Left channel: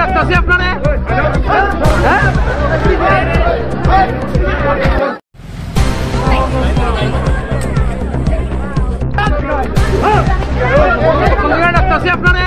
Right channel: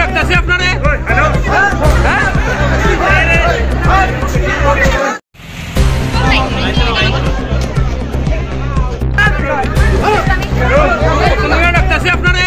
ডাক্তারছি আপনারে ডাক্তারছি আপনারে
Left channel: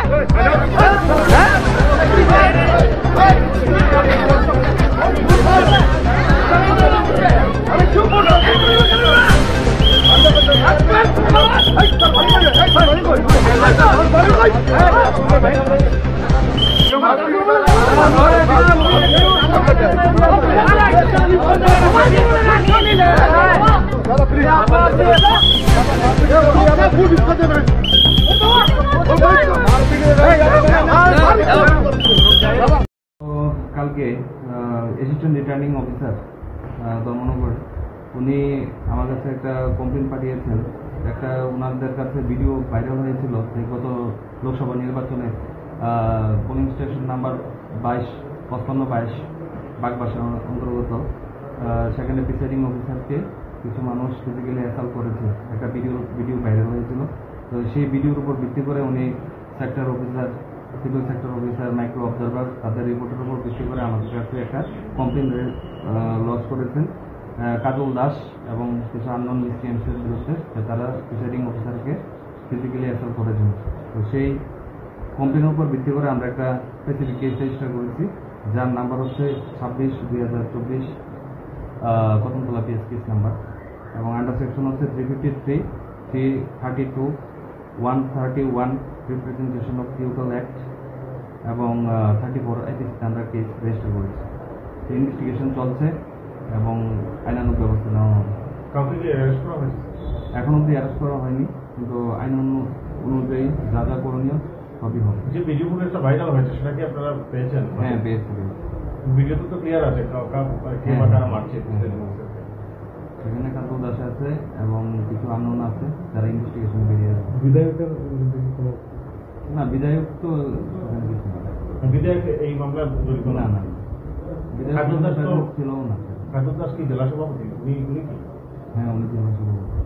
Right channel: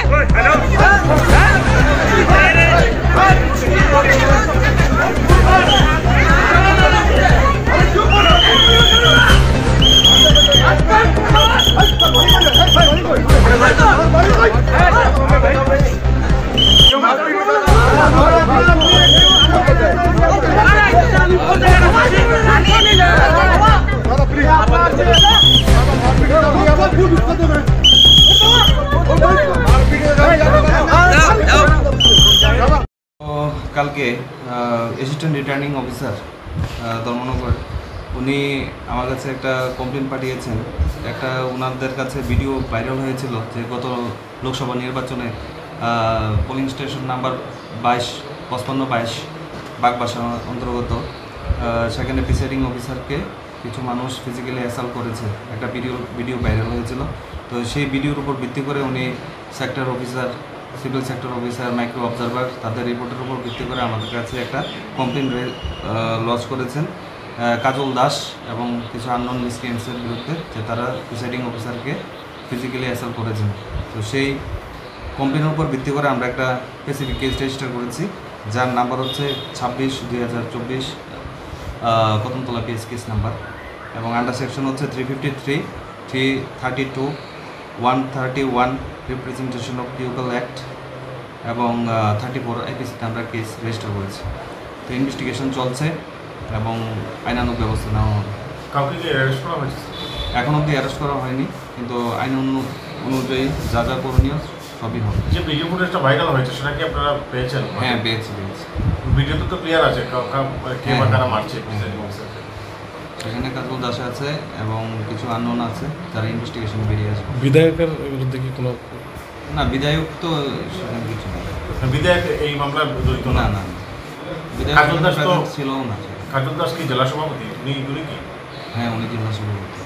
কালকে অ্যাসিস্ট্যান্ট রিটার্নিং অফিসার ধর্মনগর উনি আমার কাছে একটা কমপ্লেন পাঠিয়েছেন। একটা ওনাদের কাছে ভিডিও ভাইরাল হয়েছিল যে গত লোকসভা নির্বাচনে পোলিং স্টেশন নাম্বার 5522 বাগবাসা অন্তর্গত সেখানে প্রিসাইডিং অফিসারকে কিছু মানুষ ফিজিক্যালি অ্যাসাল্ট করেছে, একটা ভিডিও ভাইরাল হয়েছিল। তো সেই ভিডিওর উপর ভিত্তি করে উনি sector officer, civil sector officer, micro observer তাদের রিপোর্টের উপর ভিত্তি করে আমাদের কাছে একটা কমপ্লেন লঞ্চ করেছেন কাজল দাস এবং কিছু আননোন মিসক্রিয়েন্টসের বিরুদ্ধে, যে তারা প্রিসাইডিং অফিসারকে ফিজিক্যালি অ্যাসাল্ট করেছেন। তো সেই কমপ্লেনের উপর ভিত্তি করে আমরা একটা স্পেসিফিক কেস রেজিস্টার করেছি, যার নাম্বার হচ্ছে 26/2024 কদমতলা পিএস কেস নাম্বার, এবং আন্ডার সেকশন হচ্ছে 353, 332, 131 রিপ্রেজেন্টেশন অফ পিউপাল অ্যাক্ট এবং 34 আইপিসিতে আমরা কেস রেজিস্টার করেছি। তো ইনভেস্টিগেশন চলছে এবং আইনানুগ ব্যবস্থা নেওয়া হবে। কাউকে কি অ্যারেস্ট করা হয়েছে? এখন অবধি অ্যারেস্ট করা হয়নি, কিন্তু আইন অনুযায়ী যা যা করণীয় সবই হবে। যে ভিডিও ফুটেজটা ভাইরাল হয়েছে সেটা কি আপনারা পেয়েছেন? হ্যাঁ, পেয়েছি। ভিডিওতে তো ক্লিয়ার আছে কে বা কারা মারছে। সেখানে কাজল দাস আছে এবং কিছু আননোন আছে, যারা ইনভেস্টিগেশন বেরিয়ে আসবে। বিধায়কের বিরুদ্ধে কি কোনো? না, বিধায়ক তো সেখানে কিছু না। বিধায়ক এই মামলার জড়িত না? না, বিধায়ক ছিল না। কাজল দাস কি জেলা সভাপতি? উনি কি? হ্যাঁ, উনি জেলা সভাপতি।